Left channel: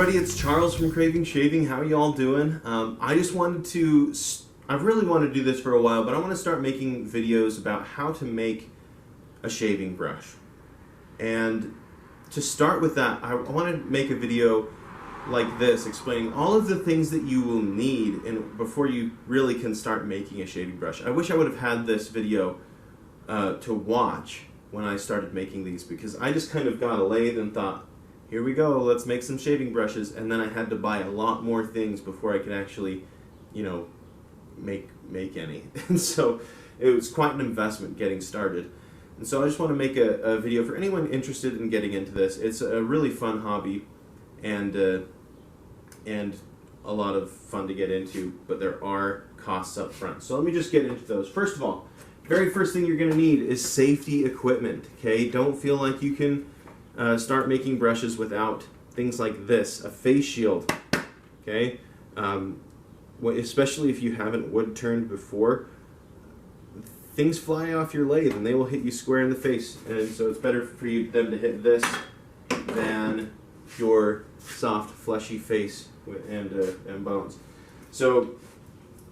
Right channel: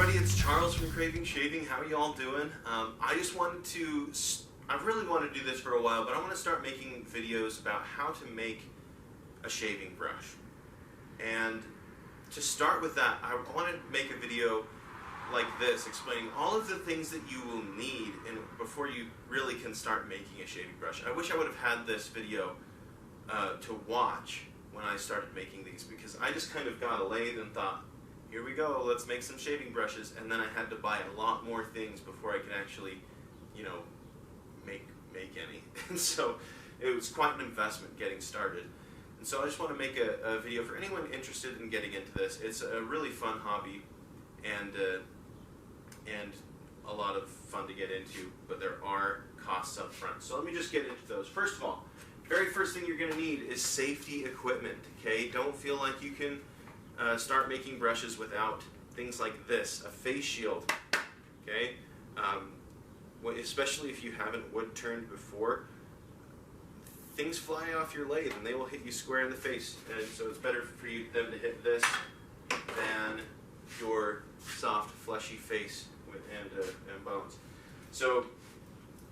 everybody, it's Charles from Craving Shaving. How are you all doing? I just wanted to, I've really wanted to do this for a while, but I want to start making videos about how to make a shaving brush. And to start with that, I want to make a video like this explaining all of the things that you will need before you really can start making a shaving brush. I wish I would have had this video to watch when I started making these, because I just kind of got a lathe and thought, here we go, let's make some shaving brushes, and then I had to buy a lot more things before I could actually, you know, make any. And so it was quite an investment getting started. And so I just want to make a video for anyone interested in getting into this. It's a really fun hobby and a lot of fun to get into, but there are costs up front. So let me just get into those. First of all, very first thing you're going to need is safety equipment. Okay, don't feel like you can start making brushes without things like this, a face shield. Okay, especially if you haven't wood turned before, things fly off your lathe and they will hit you square in the face, and so it's better for them to hit this than your soft fleshy face and bones. So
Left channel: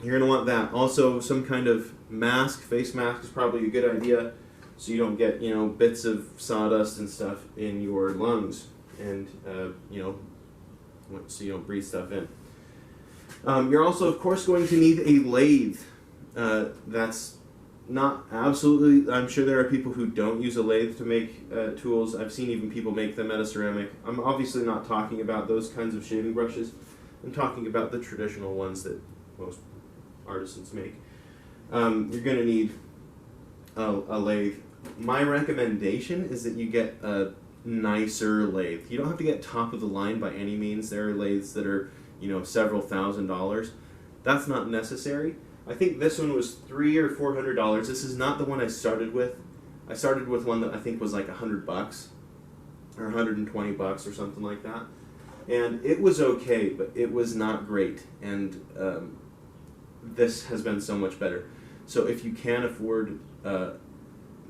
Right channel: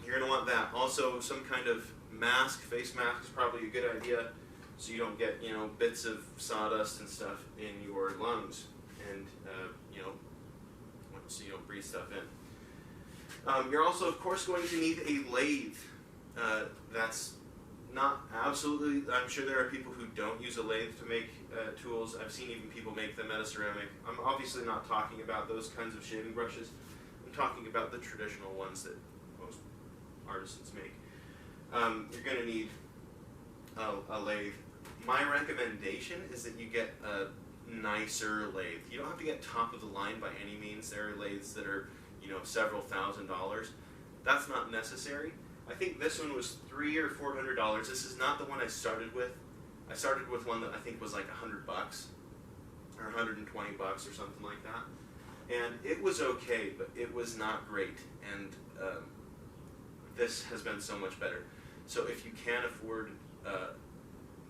you're going to want that. Also, some kind of mask, face mask is probably a good idea, so you don't get, you know, bits of sawdust and stuff in your lungs, and you know, so you don't breathe stuff in. You're also, of course, going to need a lathe. That's not absolutely, I'm sure there are people who don't use a lathe to make tools. I've seen even people make them out of ceramic. I'm obviously not talking about those kinds of shaving brushes. I'm talking about the traditional ones that most artisans make. You're going to need a lathe. My recommendation is that you get a nicer lathe. You don't have to get top of the line by any means. There are lathes that are, you know, several $1,000s. That's not necessary. I think this one was $300 or $400. This is not the one I started with. I started with one that I think was like $100 or $120 or something like that. And it was okay, but it was not great. And this has been so much better. So if you can afford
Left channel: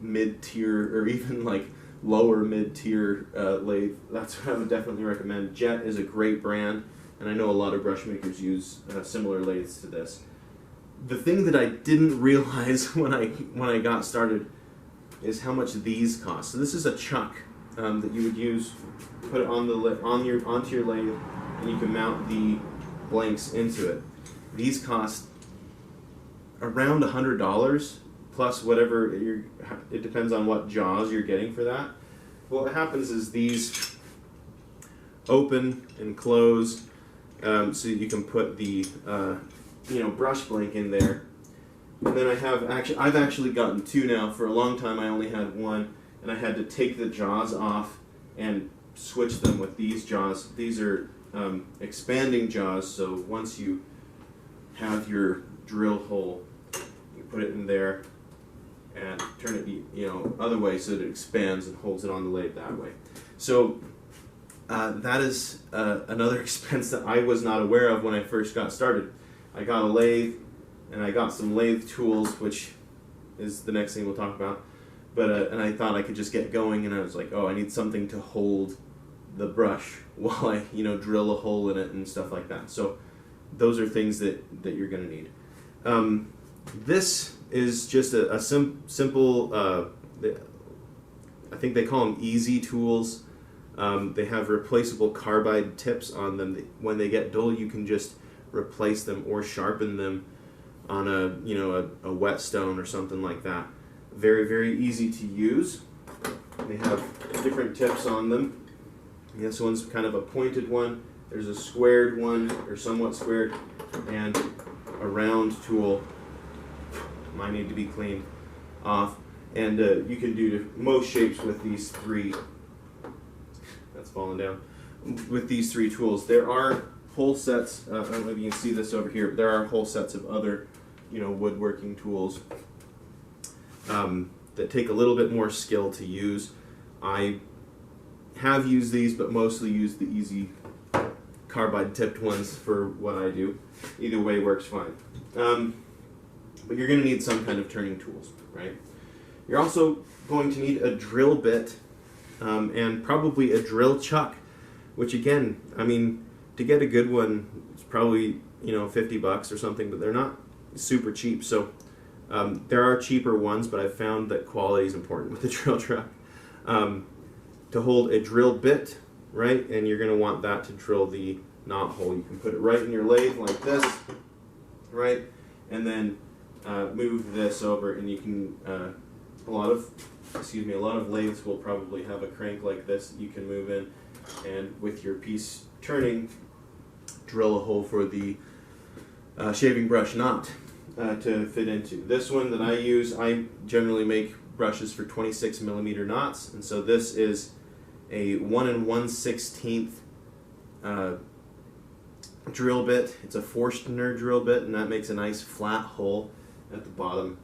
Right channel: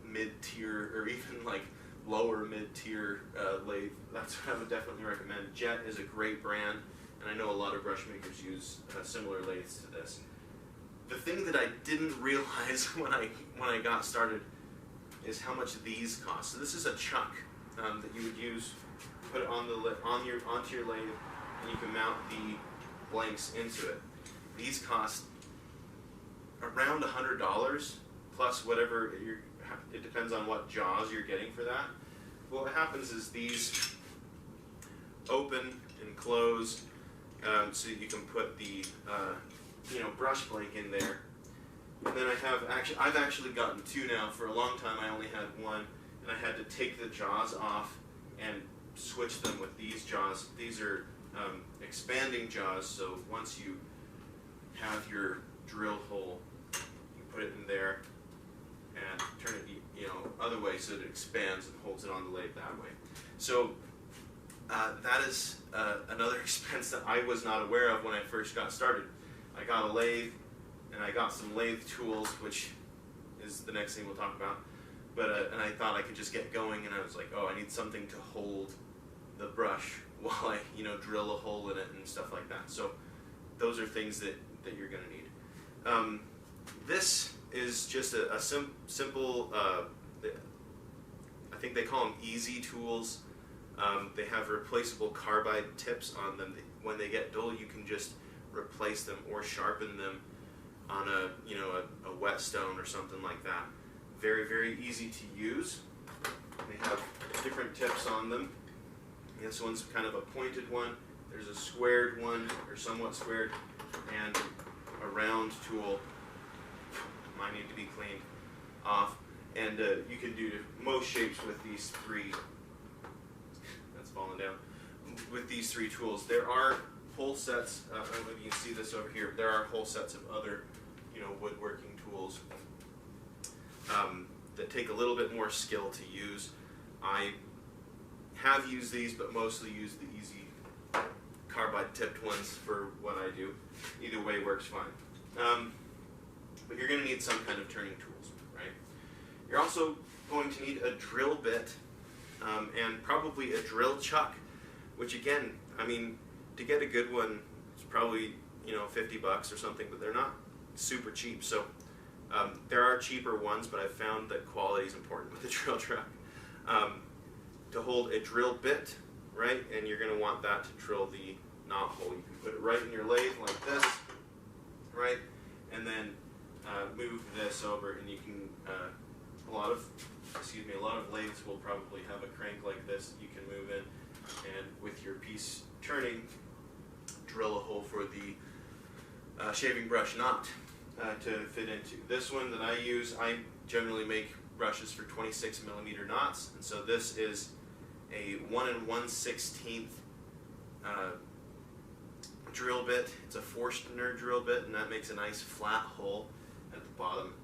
mid-tier or even like lower mid-tier lathe, that's what I would definitely recommend. Jet is a great brand, and I know a lot of brush makers use similar lathes to this. The thing that I didn't realize when I got started is how much these cost. So this is a chuck that you would use, put it on onto your lathe, and you can mount the blanks into it. These cost around $100 plus whatever it depends on what jaws you're getting for that. Well, what happens is these open and close, so you can put the you know, brush blank in there. And then I've actually gotten two now. For a long time I only had one, and I had to take the jaws off and switch them with these jaws. These are expanding jaws, so once you have your drill hole, you put it in there and turn it, you know, other way so that it expands and holds it on the lathe that way. So that is another expense that I was not aware of when I first got started. I got a lathe, and I got some lathe tools, which is the next thing we'll talk about. But and I thought I could just get going, and I was like, oh, I need something to hold the brush while I, you know, drill a hole in it and stuff like that. So those are things that you're going to need. This is just a simple, I think they call them easy tools. They have replaceable carbide tips on them. When they get dull, you can just replace them or sharpen them on a whetstone or something like that. Very, very easy to use. They have different tips on them. This one's kind of a pointed one. There's a squared one, or somewhat squared, and a round tool. Mine need to be cleaned off. And you can do most shapes with these three. That's falling down. With these three tools. There are whole sets, I don't know if you can see this over here, but there are whole sets of other, you know, woodworking tools that take a little bit more skill to use. I have used these, but mostly use the easy carbide tipped ones for what I do. Either way works fine. But you're going to need some kind of turning tools, right? You're also going to need a drill bit and probably a drill chuck, which again, I mean, to get a good one, it's probably, you know, $50 or something, but they're not super cheap. So there are cheaper ones, but I've found that quality is important with the drill truck. To hold a drill bit, right, and you're going to want that to drill the knot hole. You can put it right in your lathe like this, right, and then move this over, and you can, a lot of lathes will probably have a crank like this that you can move in, and with your piece turning, drill a hole for the shaving brush knot to fit into. This one that I use, I generally make brushes for 26 millimeter knots, and so this is a 1 1/16 drill bit. It's a Forstner drill bit, and that makes a nice flat hole at the bottom,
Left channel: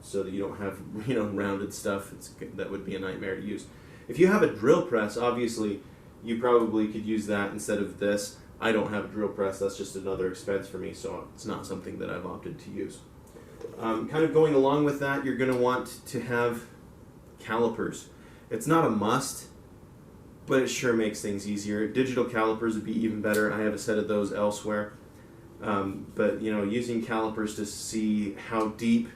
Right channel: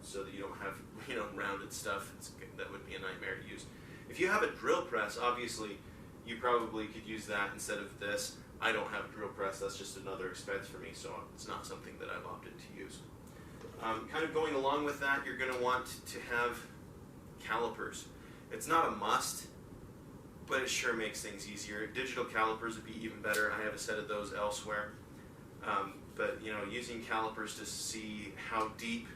so that you don't have, you know, rounded stuff. That would be a nightmare to use. If you have a drill press, obviously you probably could use that instead of this. I don't have a drill press. That's just another expense for me, so it's not something that I've opted to use. Kind of going along with that, you're going to want to have calipers. It's not a must, but it sure makes things easier. Digital calipers would be even better. I have a set of those elsewhere. But, you know, using calipers to see how deep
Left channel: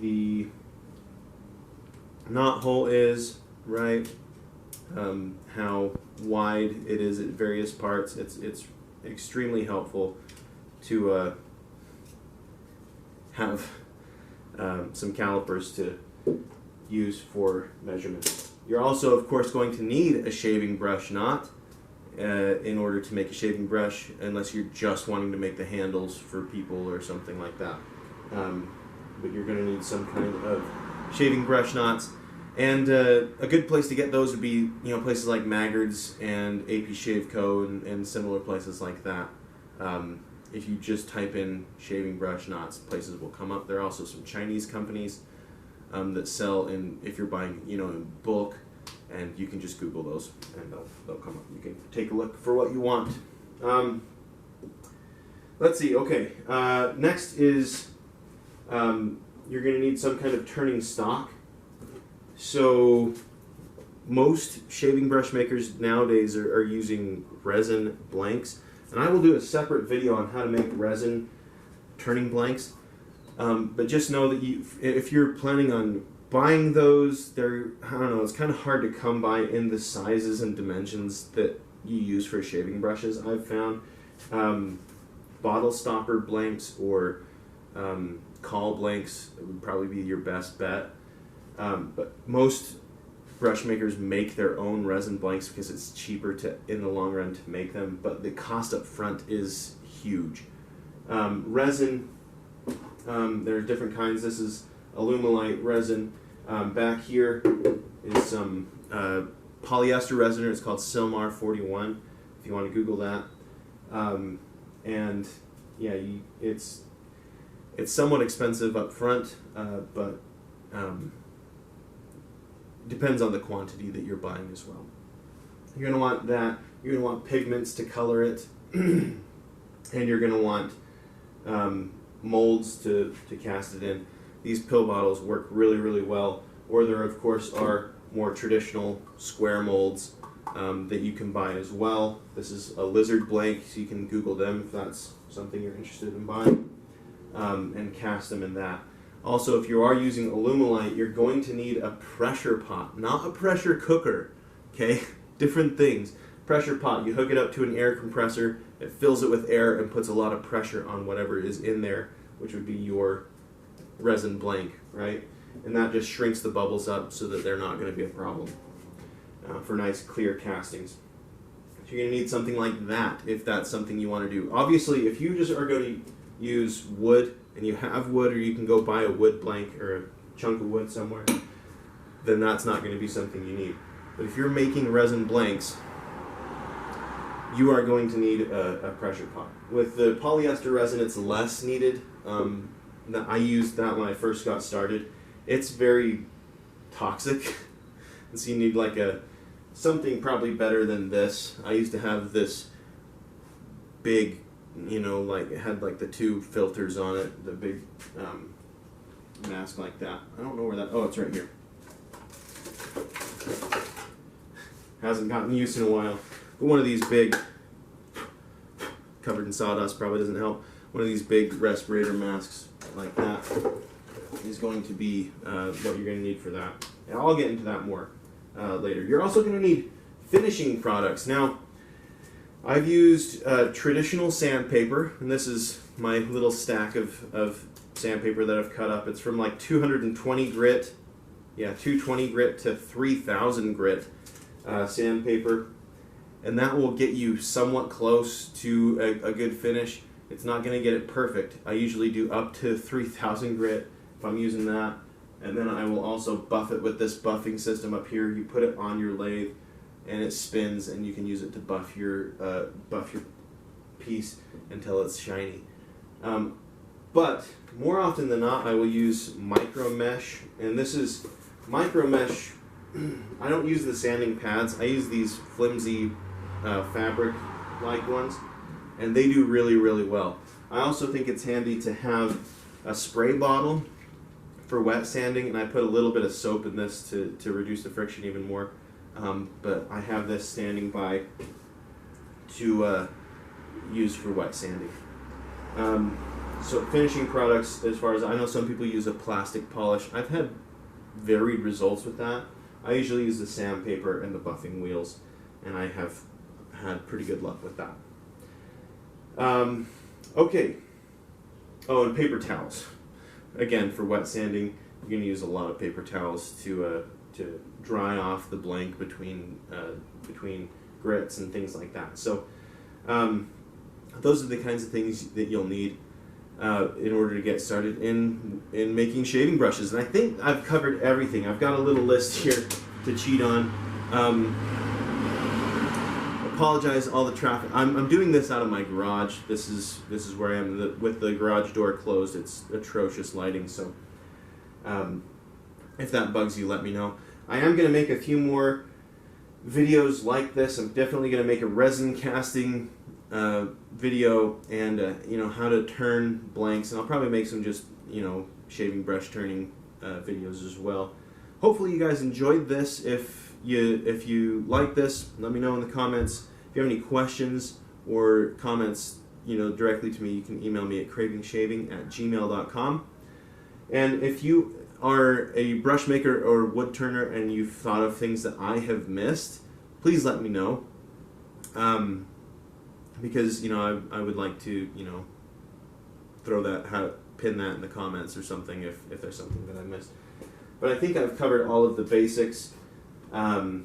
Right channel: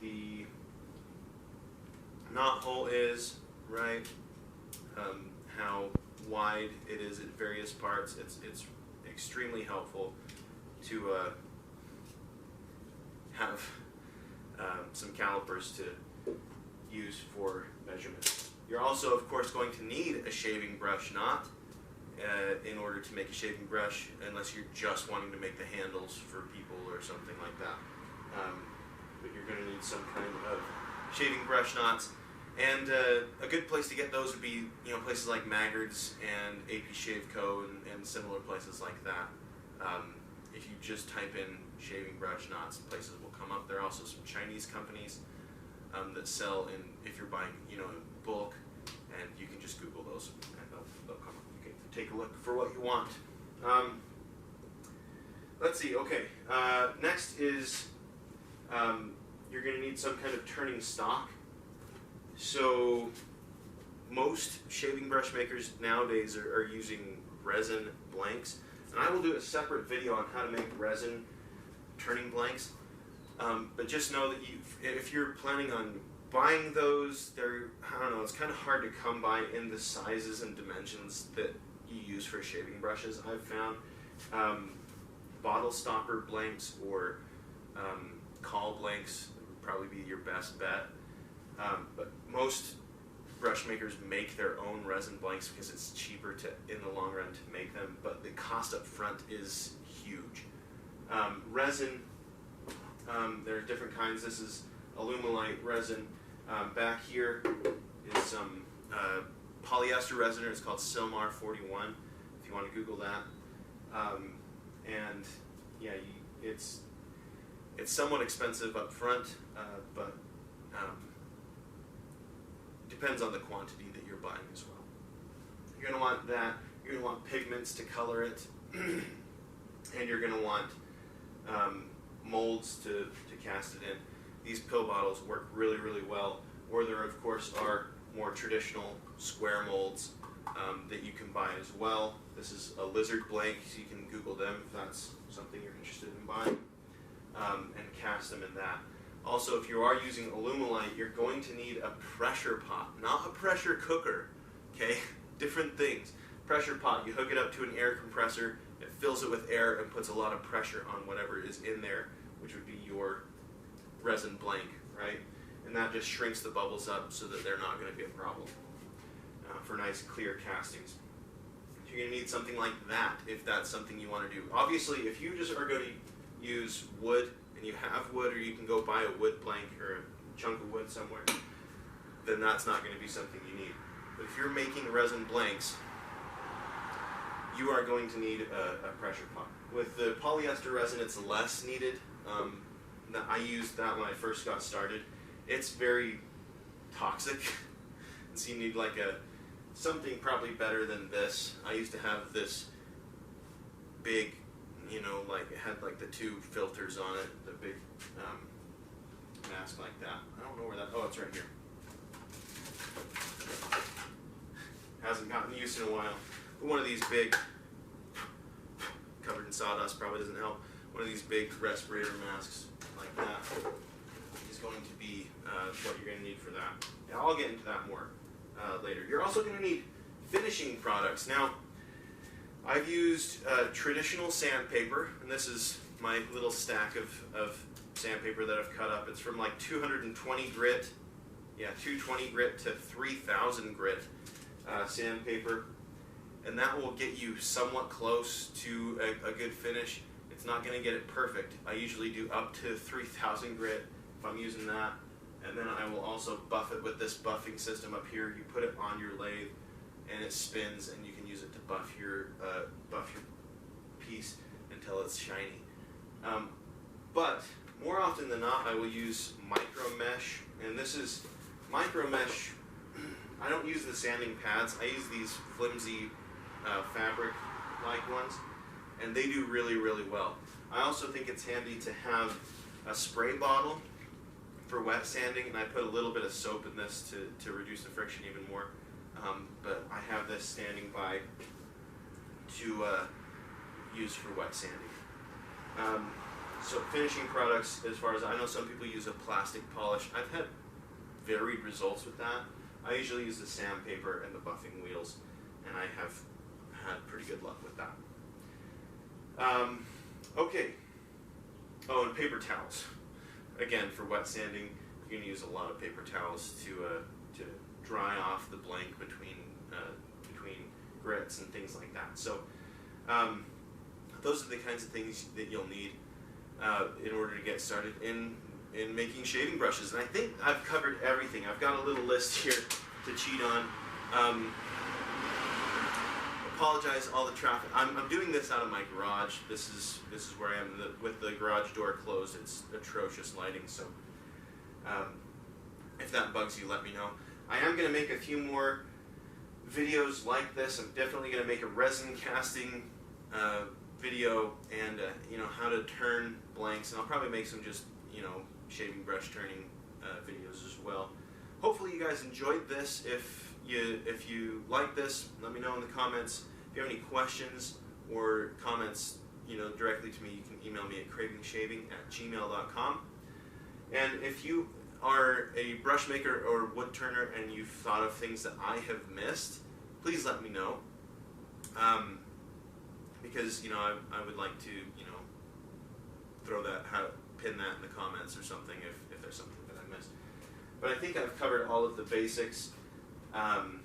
the knot hole is, right? How wide it is at various parts. It's extremely helpful to have some calipers to use for measurement. You're also, of course, going to need a shaving brush knot in order to make a shaving brush, unless you're just wanting to make the handles for people or something like that. But you're going to need some kind of shaving brush knots. And a good place to get those would be, you know, places like Maggard's and AP Shave Co. and similar places like that. If you just type in shaving brush knots, places will come up. There are also some Chinese companies that sell if you're buying, you know, in bulk, and you can just Google those and they'll come up. You can take a look for what you want. Let's see. Okay. Next is you're going to need some kind of turning stock. So most shaving brush makers nowadays are using resin blanks, and I will do a separate video on how to make resin turning blanks. But just know that if you're planning on buying those, I don't know, it's kind of hard to come by in the sizes and dimensions that you use for shaving brushes. I've found bottle stopper blanks or caul blanks would probably be your best bet. But most brush makers make their own resin blanks because it's cheaper in the long run to make them, but the cost up front is huge. Resin, there are different kinds. This is Alumilite resin. Back here is some polyester resin. It's called Silmar 41, if you want to Google that. And yeah, it's somewhat expensive up front, but depends on the quantity that you're buying as well. You're going to want that. You're going to want pigments to color it, and you're going to want molds to cast it in. These pill bottles work really, really well. Or there, of course, are more traditional square molds that you can buy as well. This is a lizard blank, so you can Google them if that's something you're interested in buying, and cast them in that. Also, if you are using Alumilite, you're going to need a pressure pot, not a pressure cooker, okay? Different things. Pressure pot, you hook it up to an air compressor, it fills it with air and puts a lot of pressure on whatever is in there, which would be your resin blank, right? And that just shrinks the bubbles up so that they're not going to be a problem for nice clear castings. So you're going to need something like that if that's something you want to do. Obviously, if you just are going to use wood, and you have wood, or you can go buy a wood blank or a chunk of wood somewhere, then that's not going to be something you need. But if you're making resin blanks, you are going to need a pressure pot. With the polyester resin, it's less needed. I used that when I first got started. It's very toxic, and so you need like something probably better than this. I used to have this big, you know, like it had like the two filters on it, the big mask like that. I don't know where that, oh, it's right here. Hasn't gotten used in a while. But one of these big covered in sawdust probably doesn't help. One of these big respirator masks like that is going to be what you're going to need for that. And I'll get into that more later. You're also going to need finishing products. Now, I've used traditional sandpaper, and this is my little stack of sandpaper that I've cut up. It's from like 220 grit, 220 grit to 3000 grit sandpaper, and that will get you somewhat close to a good finish. It's not going to get it perfect. I usually do up to 3000 grit if I'm using that, and then I will also buff it with this buffing system up here. You put it on your lathe and it spins, and you can use it to buff your piece until it's shiny. But more often than not, I will use micro mesh, and this is micro mesh. I don't use the sanding pads. I use these flimsy fabric-like ones, and they do really, really well. I also think it's handy to have a spray bottle for wet sanding, and I put a little bit of soap in this to reduce the friction even more. But I have this standing by to use for wet sanding. So finishing products, as far as I know, some people use a plastic polish. I've had varied results with that. I usually use the sandpaper and the buffing wheels, and I have had pretty good luck with that. Okay. Oh, and paper towels. Again, for wet sanding, you're going to use a lot of paper towels to dry off the blank between grits and things like that. So those are the kinds of things that you'll need in order to get started in making shaving brushes. And I think I've covered everything. I've got a little list here to cheat on. Apologize all the traffic. I'm doing this out of my garage. This is where I am with the garage door closed. It's atrocious lighting, so if that bugs you, let me know. I am going to make a few more videos like this. I'm definitely going to make a resin casting video, and how to turn blanks, and I'll probably make some just shaving brush turning videos as well. Hopefully you guys enjoyed this. If you like this, let me know in the comments. If you have any questions or comments directly to me, you can email me at cravingshaving@gmail.com. And if you are a brush maker or wood turner and you've thought of things that I have missed, please let me know. Because I would like to pin that in the comments or something if there's something that I missed. But I think I've covered all of the basics that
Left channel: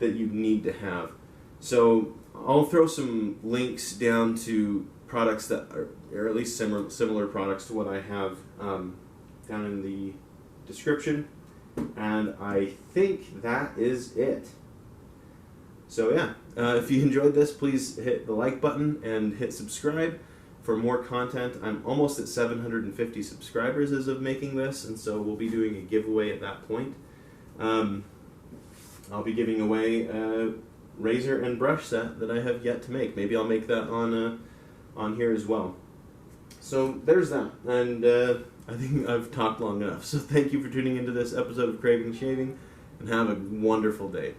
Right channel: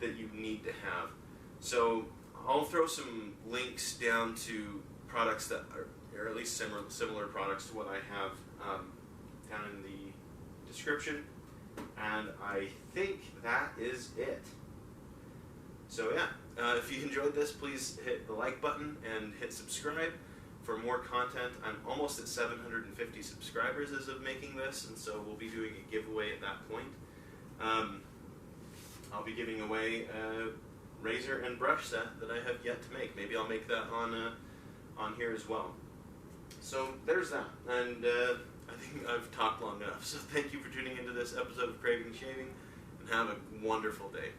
you need to have. So I'll throw some links down to products that are at least similar products to what I have down in the description. And I think that is it. So yeah, if you enjoyed this, please hit the like button and hit subscribe for more content. I'm almost at 750 subscribers as of making this, and so we'll be doing a giveaway at that point. I'll be giving away a razor and brush set that I have yet to make. Maybe I'll make that on here as well. So there's that, and I think I've talked long enough. So thank you for tuning into this episode of Craving Shaving, and have a wonderful day.